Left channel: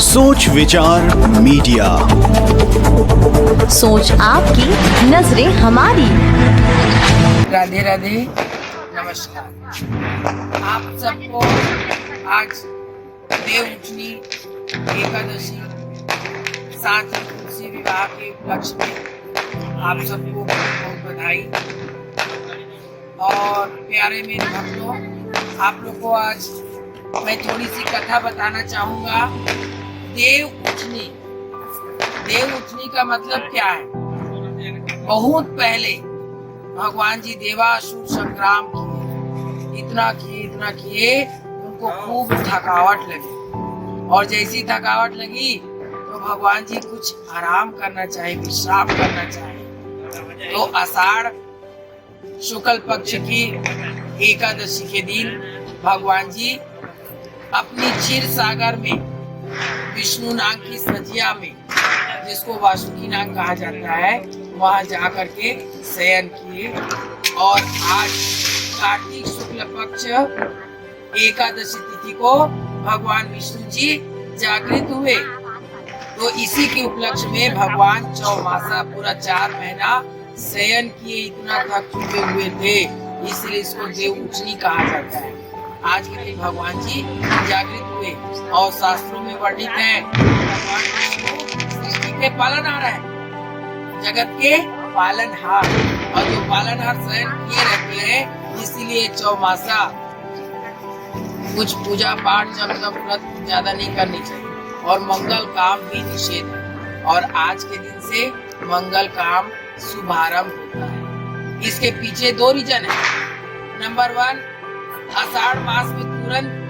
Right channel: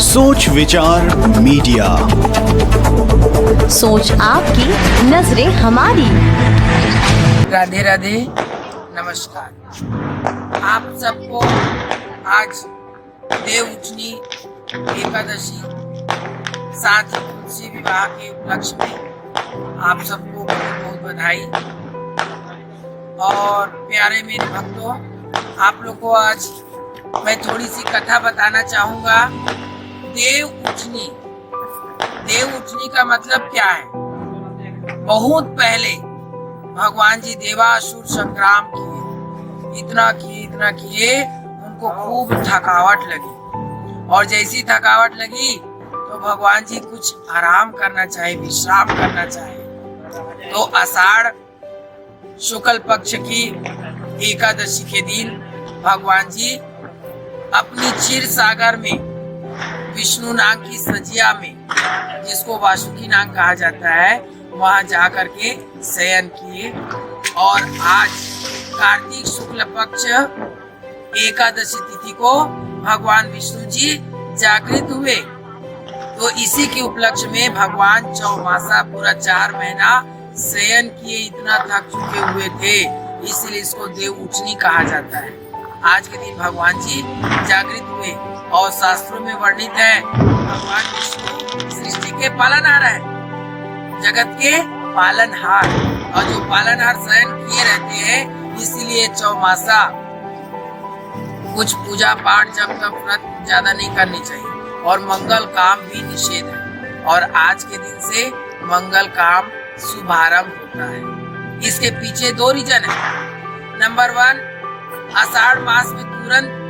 सोच विचार मीडिया, सोच आपकी, नजरें हमारी। राधे राधे, नमस्कार। आप सबको आज देव उठनी एकादशी साथ ही तुलसी विवाह के उपलक्ष्य में आप सबको बहुत बहुत बधाई। और प्यारे मेरे भक्तों, आप लोग को आज मैं थोड़ी सी कथा बताना चाहूंगा। देव उठनी, देव उठनी का मतलब क्या है? बहुत पहले भगवान जी देवासुर संग्राम किए, इतना किए, उनको खूब थकावट लगी। और जैसी थकावट लगी तो भगवान जी कुछ आराम करना चाहे, विश्राम करना चाहे। तो आषाढ़ शुक्ल पक्ष की एकादशी के दिन भगवान जी अपनी क्षीर सागर में विष्णु नाग की सजिया में, जिसको वासुकी नाग कहा जाता है, वहां जाकर के शयन किए। और आज कार्तिक शुक्ल पक्ष एकादशी तिथि को भगवान विष्णु जी जागृत हुए। तो इसी के उपलक्ष्य में भगवान चौमासा पूरा 4 महीना शयन किए, इतना थक चुके हुए थे, इसलिए इसको देव उठनी कहा जाता है। आज के दिन भगवान जी जागृत हुए और शास्त्रों में वर्णित है भगवान विष्णु सृष्टि के पालनहार है, जगत के पालनहार। और जो पालनहार शयन किए रहते हैं, इसीलिए चौमासा कुछ पूजा पाठ जब तक व्रत ज्यादा नहीं करनी चाहिए, और मंगल काम भी निषेध है। और आज के दिन से मंगल काम शुभारंभ होता है। इसके पीछे 2 रीजन है। नंबर 1, आषाढ़ मास में तुरंत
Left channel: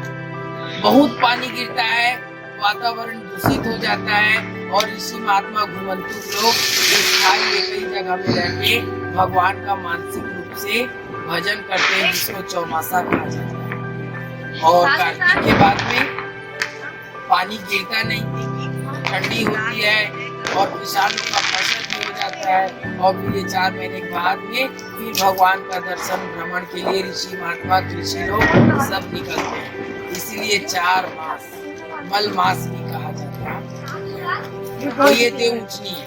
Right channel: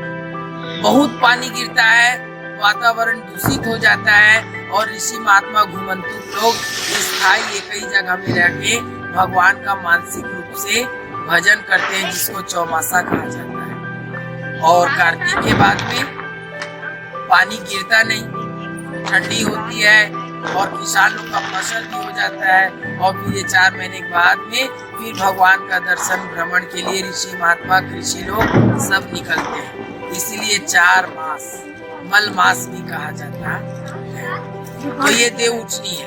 बहुत पानी गिरता है, वातावरण दूषित हो जाता है, और ऋषि महात्मा घुमंतु लोग स्थायी एक ही जगह में रहकर भगवान का मानसिक रूप से भजन करते हैं, जिसको चौमासा कहा जाता है। और कार्तिक के बाद में पानी गिरता नहीं, ठंडी होती है, और किसान लोग का फसल भी हो जाता है। और फिर ये 4 महीने के बाद में फिर भगवान का दर्शन भ्रमण के लिए ऋषि महात्मा कृषि लोग सब निकलते हैं। इसीलिए 4 मास मल मास भी कहा जाता है। तो ये देव उठनी है।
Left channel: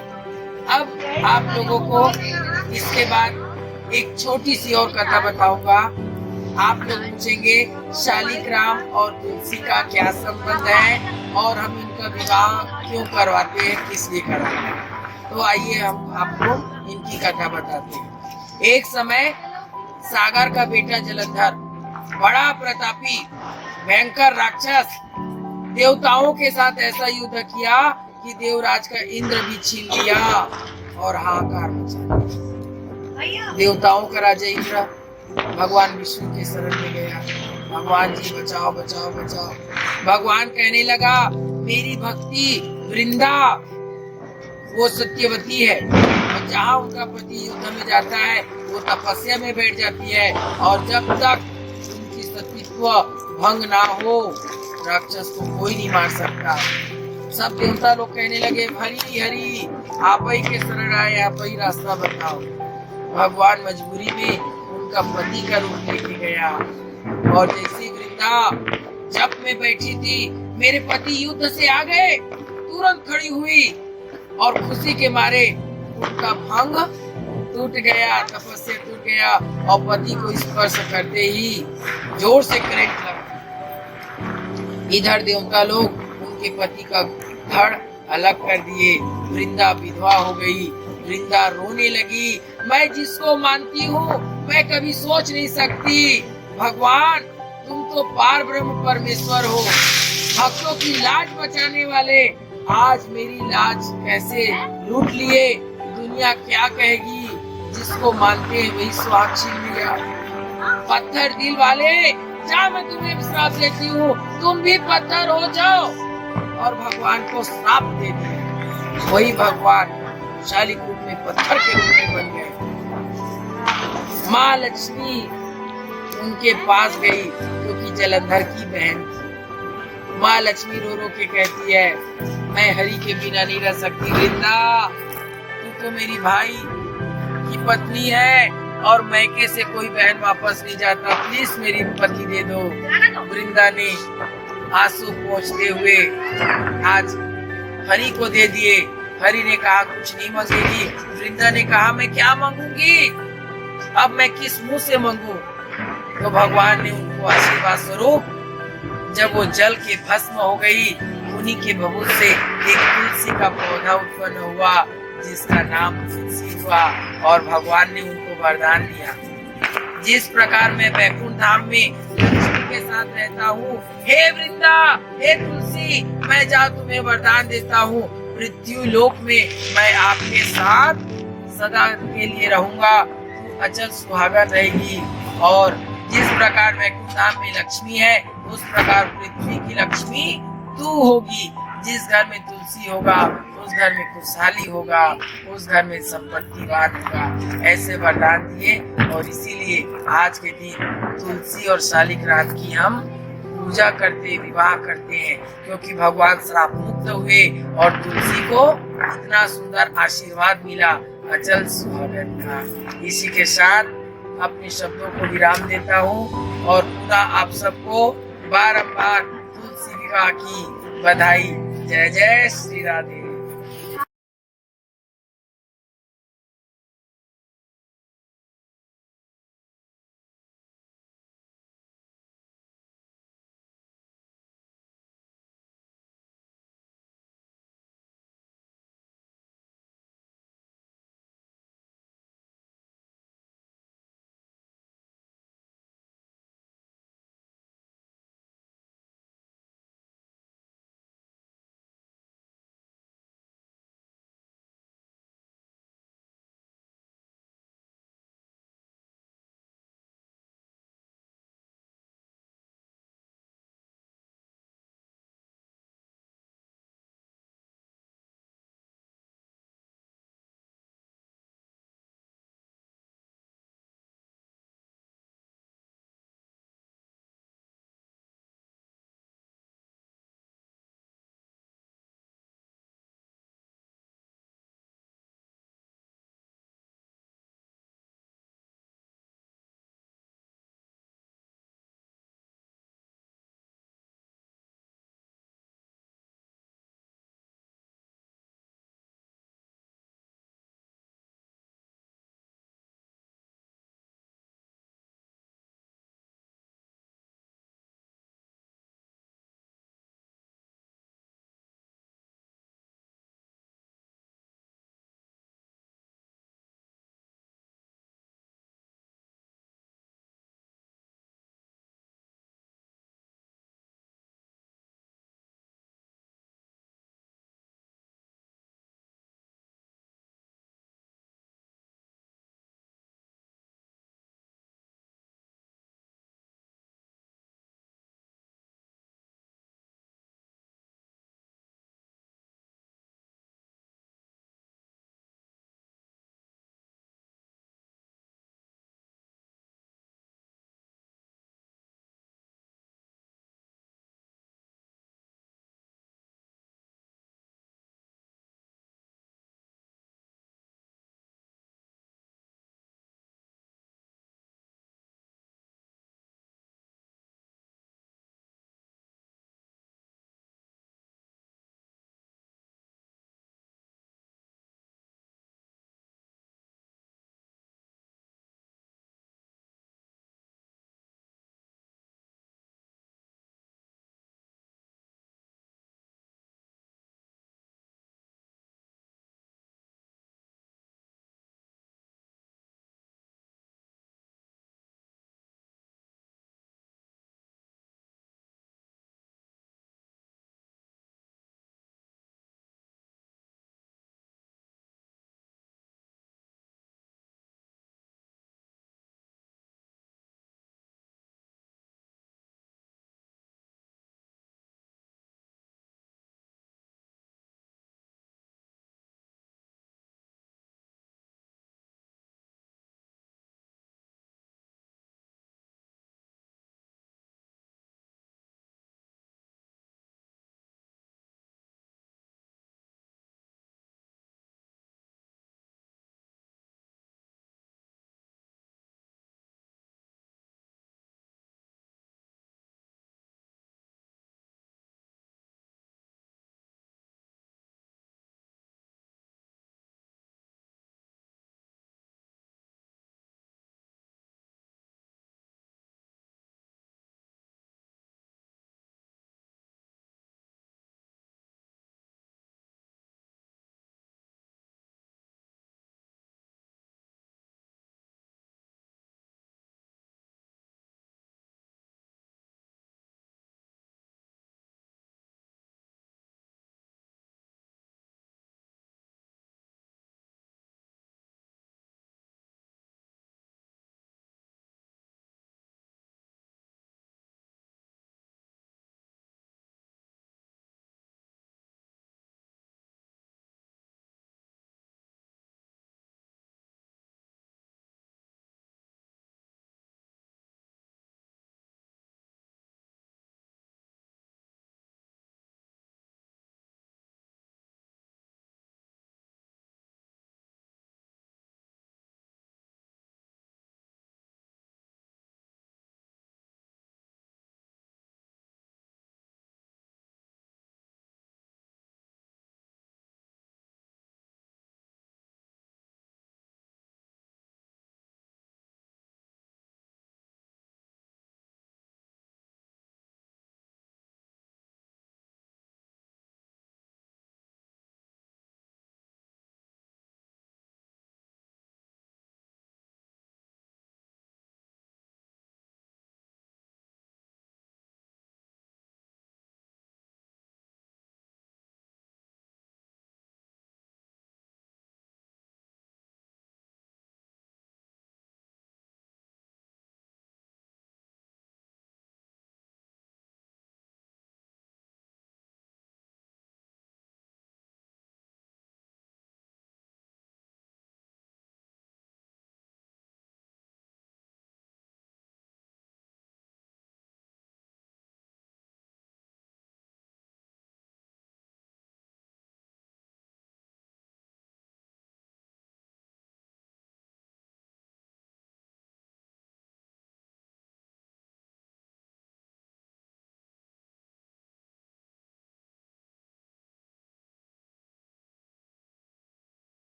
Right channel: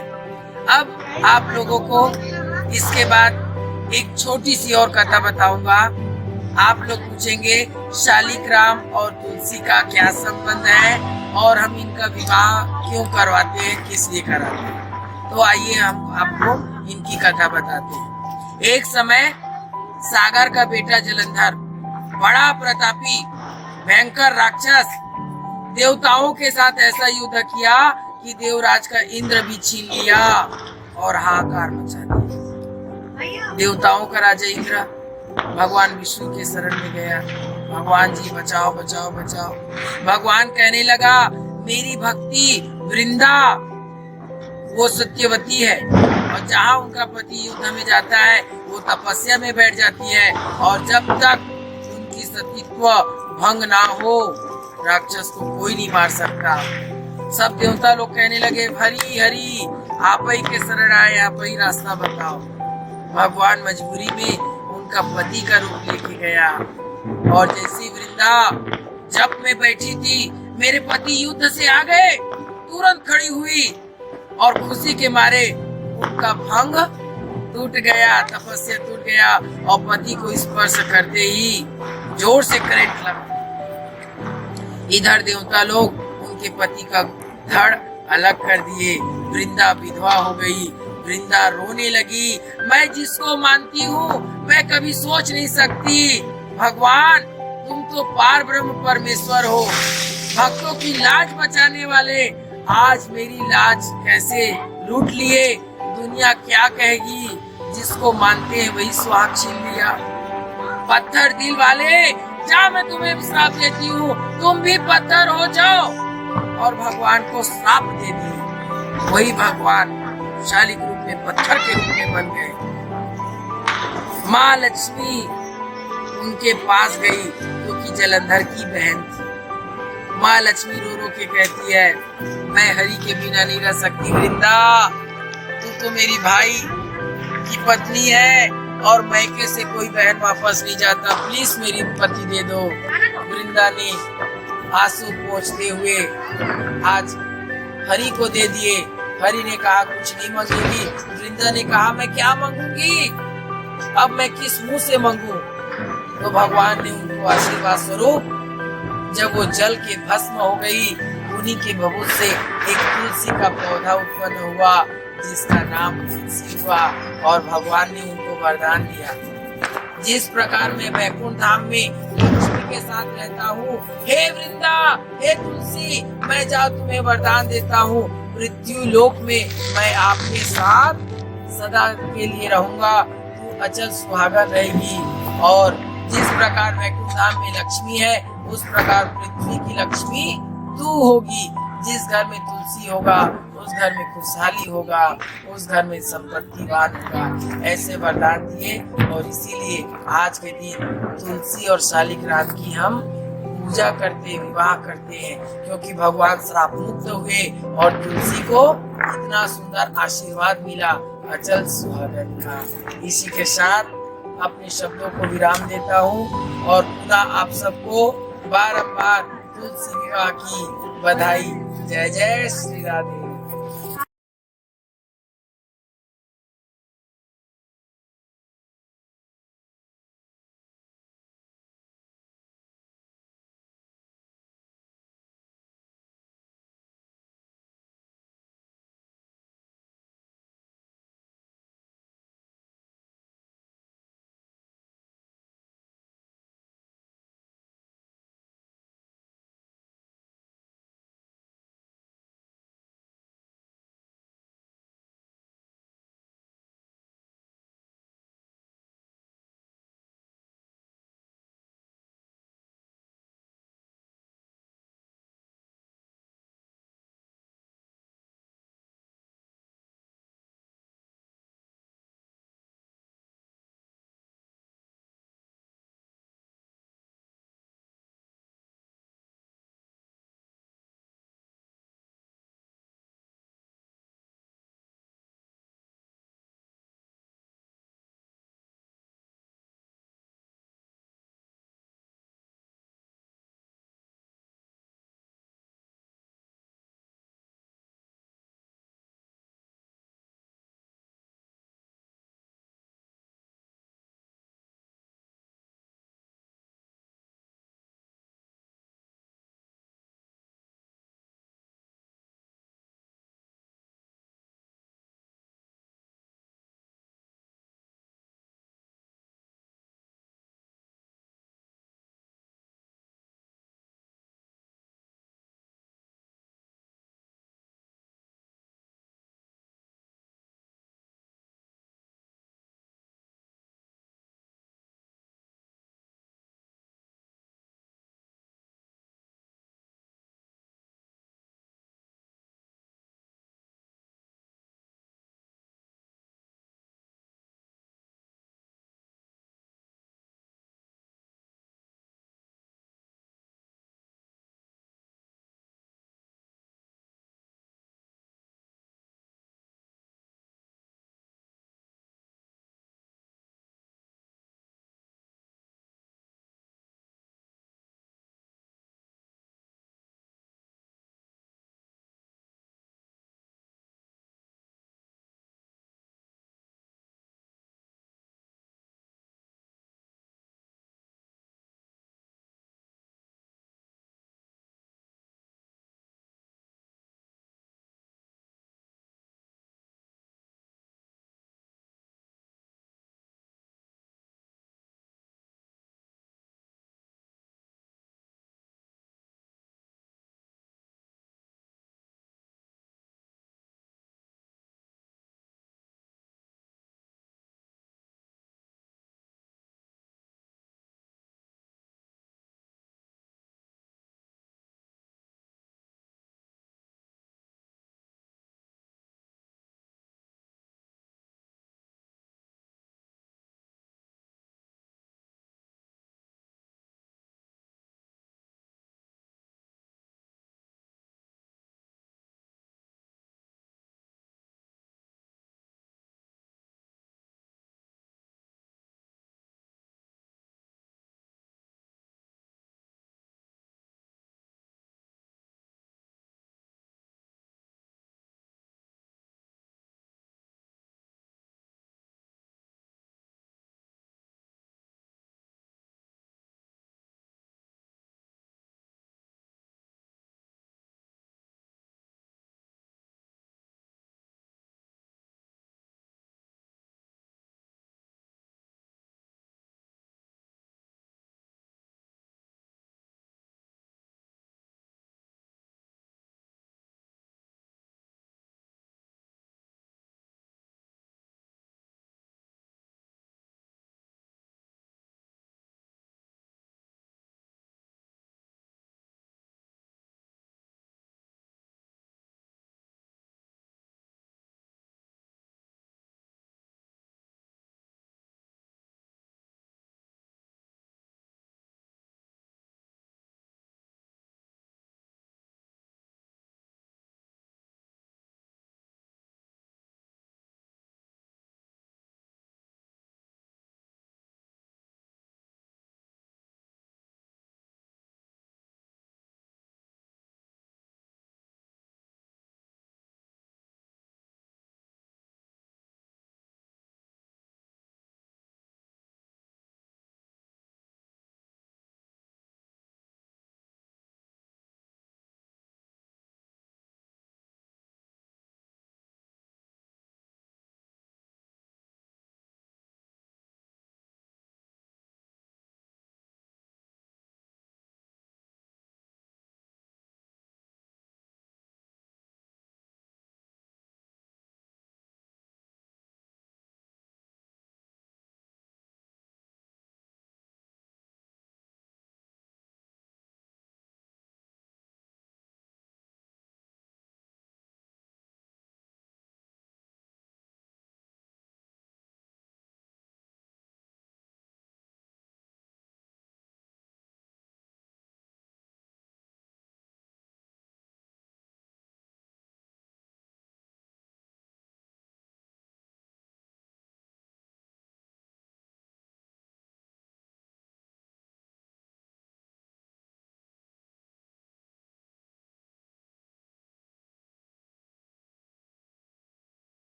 अब आप लोगों को इसके बाद एक छोटी सी और कथा बताऊंगा। आप लोग पूछेंगे शालिग्राम और तुलसी का क्या संबंध है, और हम इनका विवाह क्यों करवाते हैं, किस लिए कराते हैं। तो आइए हम आपको इनकी कथा बताते हैं। एक समय सागर का बेटा जलंधर बड़ा प्रतापी भयंकर राक्षस देवताओं के साथ ऐसा युद्ध किया कि देवराज का इंद्र भी छीन लिया और हाहाकार मचा दिया। देवताओं का राजा इंद्र भगवान विष्णु के शरण में गया। भगवान जी बचाओ बचाओ बचाओ। भगवान कहने लगा, मेरी भक्ति वृंदा वो सत्यवती है, और जहाँ उनका पति युद्ध में जाता है वो तपस्या में बैठ जाती है, और जब तक उनकी सतीत्व भंग ना हो राक्षस को कोई नहीं मार सकता। सब देवता लोग कहने लगे, हरि हरि आप ही के शरण आए, आप ही रास्ता बताओ। भगवान मजबूरी में उनका पति का रूप लेके गया, और जैसी वृंदा जप में बैठी थी, मेरे पति युद्ध से आ गए, तुरंत खड़ी हुई, और खुशी के मारे उनका भंग टूट गया, तपस्या टूट गया, और पति को स्पर्श करते ही जोर से करंट लगा। इधर देवता लोग उनके पति का धड़ अलग कर दिए। वृंदा विधवा हो गई। वृंदा रोने लगी, मैं जिसको मानती हूँ मैं कभी सोच नहीं सकती, भगवान तुम तो पार ब्रह्म परमेश्वर हो, भक्तों की लाज बचाने वाले, आज मेरी लाज कैसे लूट लिए, दुनिया क्या कहेगी, जिसको मानते हैं वही स्वाग छीन लिया। पत्थर दिल वाले, जा मैं तुम्हें श्राप देती हूँ, तुम भी पत्थर हो जाओ। और भगवान को श्राप दे दिए। वही भगवान शालिक रूप में पत्थर के रूप में बन गए। माँ लक्ष्मी उनके पास गई, क्योंकि जलंधर की बहन थी। माँ लक्ष्मी रो रो के कहती है, मैं हरि के बिना नहीं रह सकती। वृंदा तू तो मेरी भाई की पत्नी है, और मैके से कोई बहन वापस नहीं जाता, प्लीज मेरी पति दे दो। वृंदा ने आंसू पोंछते हुए आज हरि को दे दिए। हरि ने कहा कुछ नहीं मांगेगी। वृंदा ने कहा मैं क्या मांगूंगी, अब मैं किस मुंह से मांगू। तो भगवान ने उनको आशीर्वाद स्वरूप जब वो जल के भस्म हो गई, उन्हीं के भभूत से एक तुलसी का पौधा उत्पन्न हुआ जिसका नाम तुलसी हुआ। और भगवान ने उनको वरदान दिया, जिस प्रकार मैं वैकुंठ धाम में लक्ष्मी के साथ रहता हूँ, हे वृंदा, हे तुलसी, मैं जा तुम्हें वरदान देता हूँ, पृथ्वी लोक में मैं आपके साथ सदा के लिए रहूंगा, तू अचल सुहागन रहेगी। और जिस प्रकार वैकुंठ धाम में लक्ष्मी है, उस प्रकार पृथ्वी की लक्ष्मी तू होगी। जिस घर में तुलसी होगा उस घर में खुशहाली होगा, उस घर में संपत्तिवान होगा। ऐसे वरदान दिए। और इसीलिए आज के दिन तुलसी और शालिग्राम की हम पूजा करते, विवाह करते हैं, क्योंकि भगवान श्राप मुक्त हुए और तुलसी को इतना सुंदर आशीर्वाद मिला अचल सुहागन का। इसी के साथ अपने शब्दों को विराम देता हूँ और पुनः आप सबको बारंबार तुलसी विवाह की बधाई। जय जय श्री राधे।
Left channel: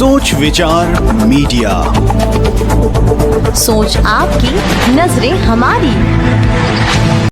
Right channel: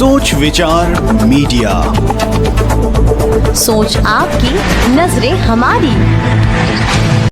सोच विचार मीडिया। सोच आपकी, नजरें हमारी।